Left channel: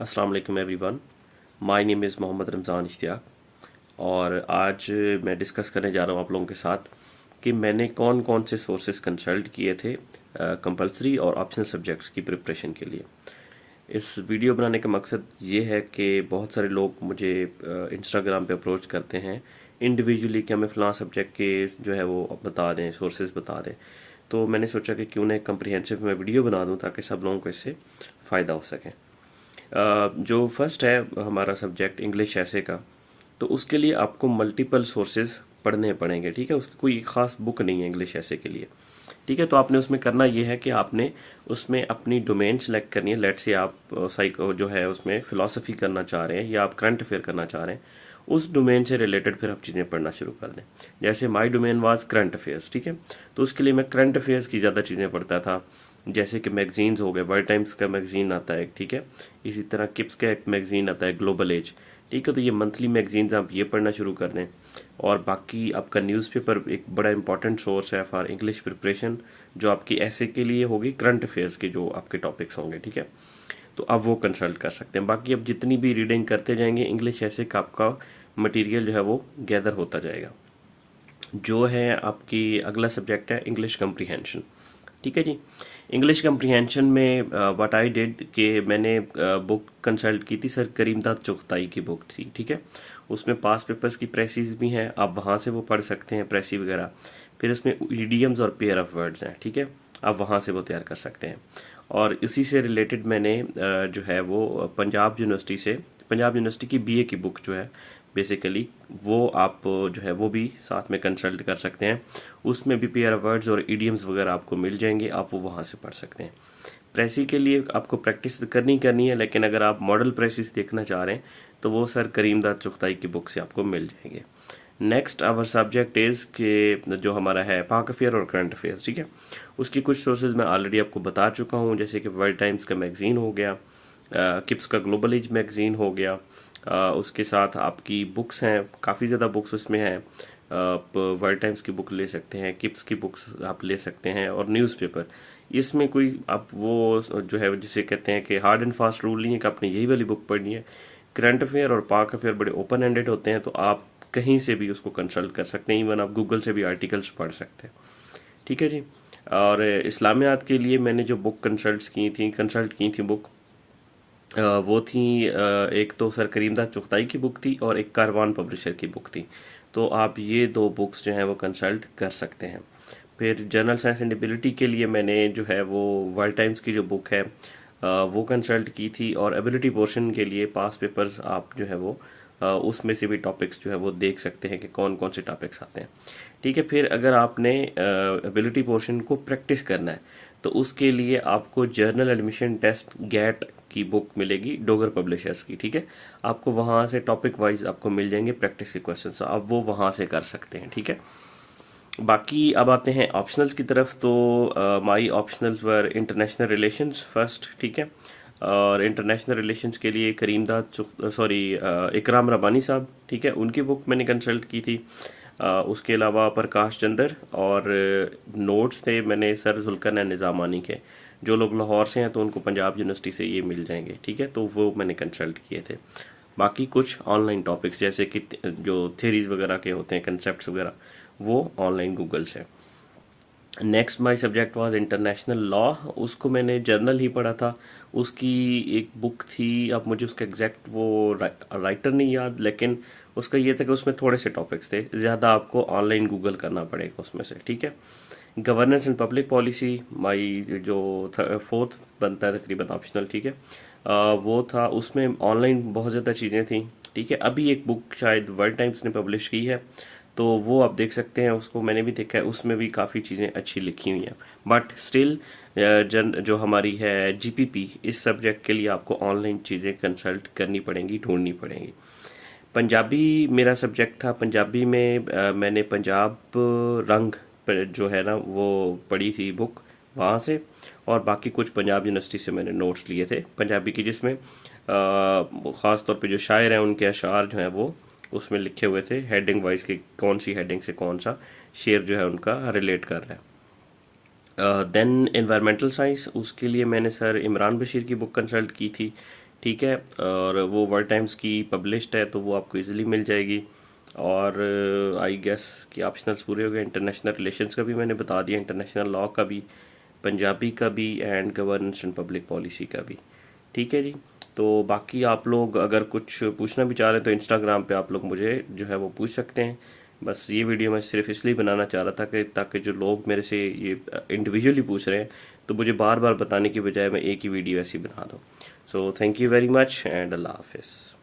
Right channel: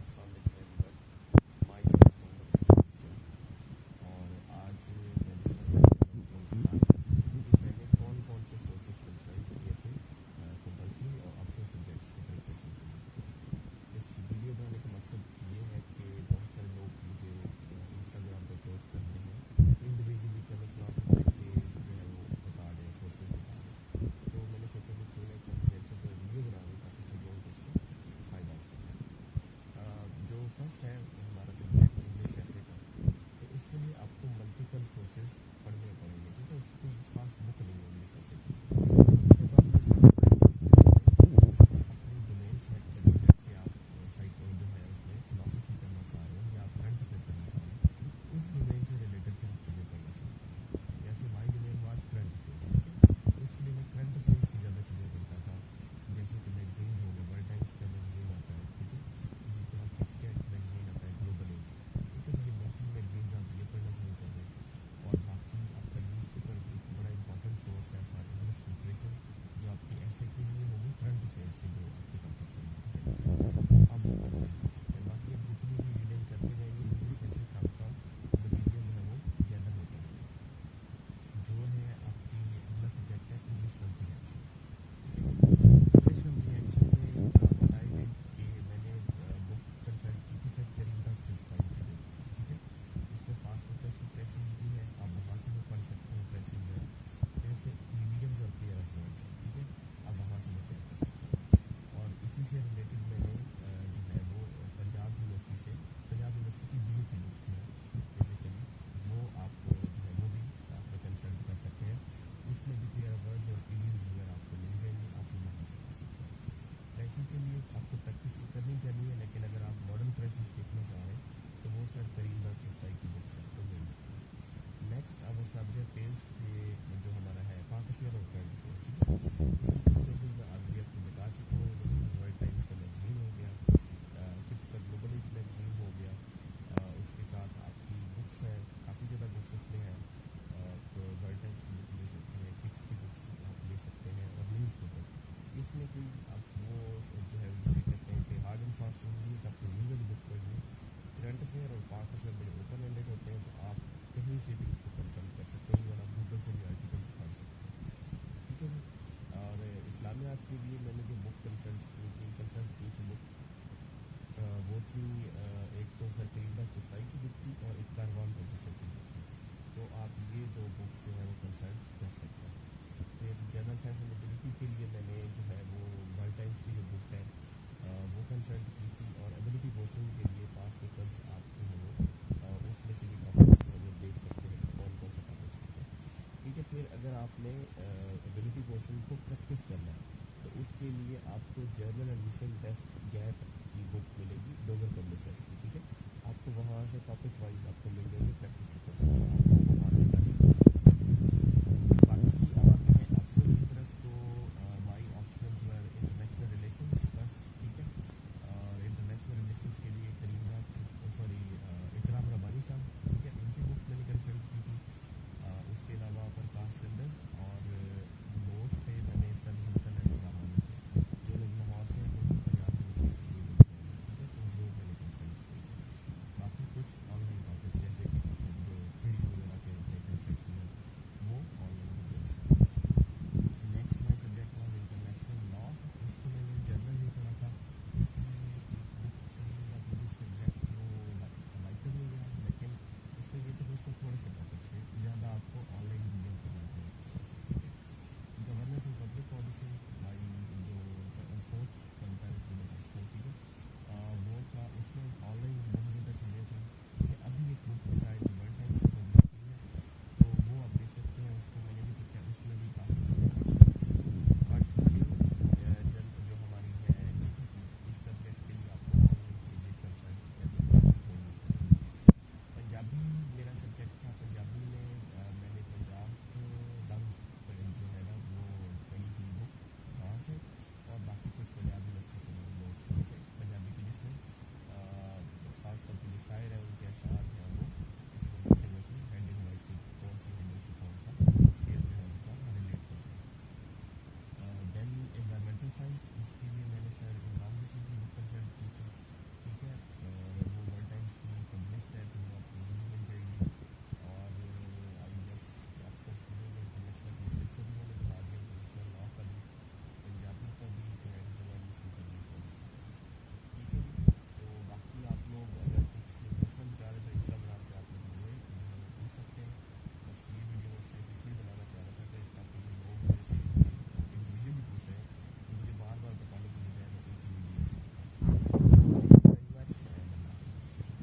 अस्सलाम वालेकुम everyone. My name is Mohammad Ramzan Ishtiaq और आज मैं डिस्कस करने जा रहा हूँ आप लोगों के साथ कि मैंने कौन कौन से सोर्सेज कंसल्ट किए थे कंपलसरी और ऑप्शनल सब्जेक्ट्स की प्रिपरेशन के लिए। इस वीडियो बनाने का मकसद ये है कि बहुत सारे लोग मुझे इंस्टाग्राम पे अप्रोच करते हैं इंडिविजुअली कि हमें फ़लाँ सब्जेक्ट के जो है वो बता दें, सोर्सेज बता दें। तो मैंने सोचा कि क्यों ना एक कम्प्रिहेंसिव मैं वीडियो बना दूँ ताकि सब लोगों को इससे फ़ायदा हो सके। जो फर्स्ट है हमारा सब्जेक्ट इंग्लिश ऐसे का, तो उसके लिए आपको मल्टीपल सोर्सेज पढ़ने पड़ेंगे। ठीक है, उसकी कोई ख़ास बुक नहीं है इंग्लिश ऐसे के लिए। ठीक है, तो आपने उसमें करना ये है कि आपने उसमें अपनी डोमेन सेलेक्ट करनी है। लेट्स से आप साइको जो है उसमें फ़िलासफ़ी करना चाह रहे हैं या आप करंट अफेयर करना चाह रहे हैं, उस डोमेन से रिलेटेड फिर आप चीज़ें पढ़ना शुरू कर दें। जैसे माई डोमेन वाज करंट अफेयर्स, ठीक है, तो उसके लिए मैं करंट अफेयर्स की ज़्यादा चीज़ें पढ़ता था। जैसे कि मैगज़ीन्स हो गए, वर्ल्ड टाइम्स का मैगज़ीन आता है, ठीक है, इसी तरह किप्स का एक मैगज़ीन आता है ग्लोबल एज। ठीक है, तो ये मंथली मैगज़ीन्स आप ये पढ़ना शुरू कर दें। और बाकी आपका न्यूज़पेपर एक बड़ा इंपॉर्टेंट सोर्स है फॉर इंग्लिश प्रिपरेशन, जो आपकी ऐसे के लिए होगी, करंट अफेयर्स के जो आपके टॉपिक्स होंगे। ठीक है, तो आप वो कंसल्ट कर सकते हैं। बाकी अब जितनी भी रीडिंग करते जाएंगे इंग्लिश ऐसे का आपका मटेरियल जो है वो गैदर होता जाएगा। जो है आपकी अगला सब्जेक्ट है इंग्लिश कम्प्रीहेंशन। ठीक है जी, इंग्लिश कम्प्रीहेंशन में व्हाट आई डिड कि मैंने बुक कंसल्ट की थी सर करीमदाद चुगताई की बुक थी। ठीक है, उसमें पास पेपर्स की प्रेसिस भी हैं, आप वहाँ से वो पढ़ सकते हैं प्रेसी वगैरह। फिर उसमें ईडियम्स और पेयर ऑफ वर्ड्स हैं, ठीक है, आप वहाँ से वो तैयार कर सकते हैं। और इसी से रिलेटेड मैंने जो है वो पंजाब यूनिवर्सिटी की बीए की बुक जो है बेसिकली वो आप जो है वो भी साथ में कंसल्ट कर सकते हैं। उसमें भी पेयर ऑफ वर्ड्स और इडियम्स वगैरह आपको मिल जाएंगे, आप वो वहाँ से पढ़ सकते हैं। प्रेसी के लिए आपको प्रैक्टिस करनी है, लेकिन अगर आप मॉडल प्रेसिस देखना चाह रहे हैं तो वो सर करीमदाद चुगताई की बुक से आपको मिल जाएंगे। नेक्स्ट आवर सब्जेक्ट इज़ के जो हमारा है पाक अफेयर और करंट अफेयर्स। ठीक है, उसकी कुछ सोर्सेज मैं ऑलरेडी आपको बता चुका हूँ, जैसे कि वर्ल्ड टाइम्स का मैगज़ीन हो गया, किप्स का ग्लोबल एज मैगज़ीन हो गया। उसके साथ आपकी बुक्स हैं, काफ़ी ज़्यादा बुक्स उसमें हैं। आप वर्ल्ड टाइम्स की बुक ले सकते हैं, किप्स की बुक्स आप ले सकते हैं, और न्यूज़पेपर। इसमें कोई आप वो जो है जिसे कहते हैं कि हार्ड एंड फास्ट रूल नहीं है कि आपने यही वाली बुक पढ़नी है। करंट अफेयर और पाक अफेयर बड़े ओपन एंडेड होते हैं, तो आप कहीं से भी उसको कंसल्ट कर सकते हैं, इवन आप गूगल से भी आर्टिकल्स पढ़ सकते हैं। ठीक है जी। और इस्लामियात के लिए मैंने जो बुक कंसल्ट की थी बुक, वो थी एक तो सर करीमदाद चुगताई की बुक थी और एक कारवान पब्लिशर की बुक थी। तो आप ये दो बुक्स जो हैं वो कंसल्ट कर सकते हैं। फिर जनरल साइंस एंड एबिलिटी के लिए मैंने जो है वो वर्ल्ड टाइम्स की जो बुक है वो कंसल्ट की थी। और एबिलिटी पोर्शन के लिए पास पेपर्स आप जो है वो उसमें से भी टॉपिक्स जो है वो देख सकते हैं कि कौन कौन से टॉपिक्स आते हैं। ठीक है, फिर अगर आपने एबिलिटी पोर्शन को प्रैक्टिस करना है तो उसके लिए आपको जर्नल एडमिशन टेस्ट गैट की बुक मिलेगी डोगर पब्लिशर्स की। ठीक है, आपको वहाँ से टॉपिक वाइज आपको मिल जाएंगे प्रैक्टिस के क्वेश्चन, आप वो वहाँ से कर सकते हैं। ठीक है, बाकी अब आते हैं ऑप्शनल्स की तरफ। तो माई ऑप्शनल्स वर इंटरनेशनल रिलेशंस फर्स्ट। ठीक है, और इंटरनेशनल रिलेशंस के लिए इकराम रबानी साहब, ठीक है, उनकी बुक मैंने कंसल्ट की थी। उसके अलावा प्रकाश चंदर और नोट्स थे मैंने सर जुल्करनैन निज़ामानी के। जो लोग लाहौर से हैं तो उनको पंजाब यूनिवर्सिटी से ये मिल जाएंगे। ठीक है, तो वो मैंने कंसल्ट किए थे। बाकी कुछ ऑनलाइन टॉपिक्स जैसे कि जो थ्योरीज वगैरह के होते हैं, कंसेप्ट वगैरह, वो ऑनलाइन गूगल से। Next my subject was international law. उसको मैंने जर्नल ही पढ़ा था। उसकी एक बुक थी, अब मुझे उसका एग्जैक्ट वो राइटर नहीं याद, लेकिन उसका ये था कि उसमें थोड़े से टॉपिक्स थे, ज़्यादा आपको ऑनलाइन गूगल करना पड़ेगा उसमें से। ठीक है, गवर्नेंस एंड पब्लिक पॉलिसी माई जो फोर्थ बनता है तकरीबन ऑप्शनल। ठीक है, वो था, उसमें ऑनलाइन बहुत ज़्यादा चीज़ें थी। ठीक है, अभी एक बुक शायद वर्ल्ड टाइम्स ने पब्लिश की है, तो वो आप देख सकते हैं, उसको मैंने भी देखा है, उसमें भी काफ़ी चीज़ें अच्छी लिखी हुई हैं। बट स्टिल जो हमारी है जीपीपी, इस सब्जेक्ट के लिए आपको ऑनलाइन चीज़ें कंसल्ट करनी पड़ेंगी, ढूंढनी पड़ेंगी। पंजाबी मेरा सब्जेक्ट था। पंजाबी में मैंने पंजाब रंग जो है ना वो पढ़ी थी बुक वहाँ से, और बाकी कुछ पंजाब यूनिवर्सिटी से मैंने नोट्स लिए थे पंजाबी की, जिसमें ख़ास तौर पे जो शायर हैं उनके अशार जो हैं वो उसमें लिखे हुए थे हेडिंग वाइज कि कौन सी हेडिंग से कौन सा शेर जो है उनका रिलेट कर रहा है। देन एनवायरमेंटल साइंस, उसके लिए मैंने सर इमरान बशीर की बुक कंसल्ट की थी ठीक है, और वो वर्ल्ड टाइम्स की पब्लिश्ड है, तो वो आपको इजीली मिल जाएगी। और आई गेस कि ऑप्शनल्स पूरे हो गए। इंटरनेशनल रिलेशंस का भी मैंने बता दिया, इंटरनेशनल लॉ का भी, पंजाबी का भी, and governance and public policy का भी। ठीक है जी। तो बाकी आप लोग अगर कुछ पूछना भी चाह रहे हैं तो इंस्टाग्राम पे आप लोग मुझे जो है वो पूछ सकते हैं। बस ये वीडियो मैं सिर्फ इसलिए बनाना चाह रहा था कि ताकि जो लोग मेरे से ये इंडिविजुअली पूछ रहे हैं तो मुझे बार बार बताने की बजाय मैं एक ही वीडियो ऐसी बना दूँ। So thank you very much and अल्लाह हाफिज़।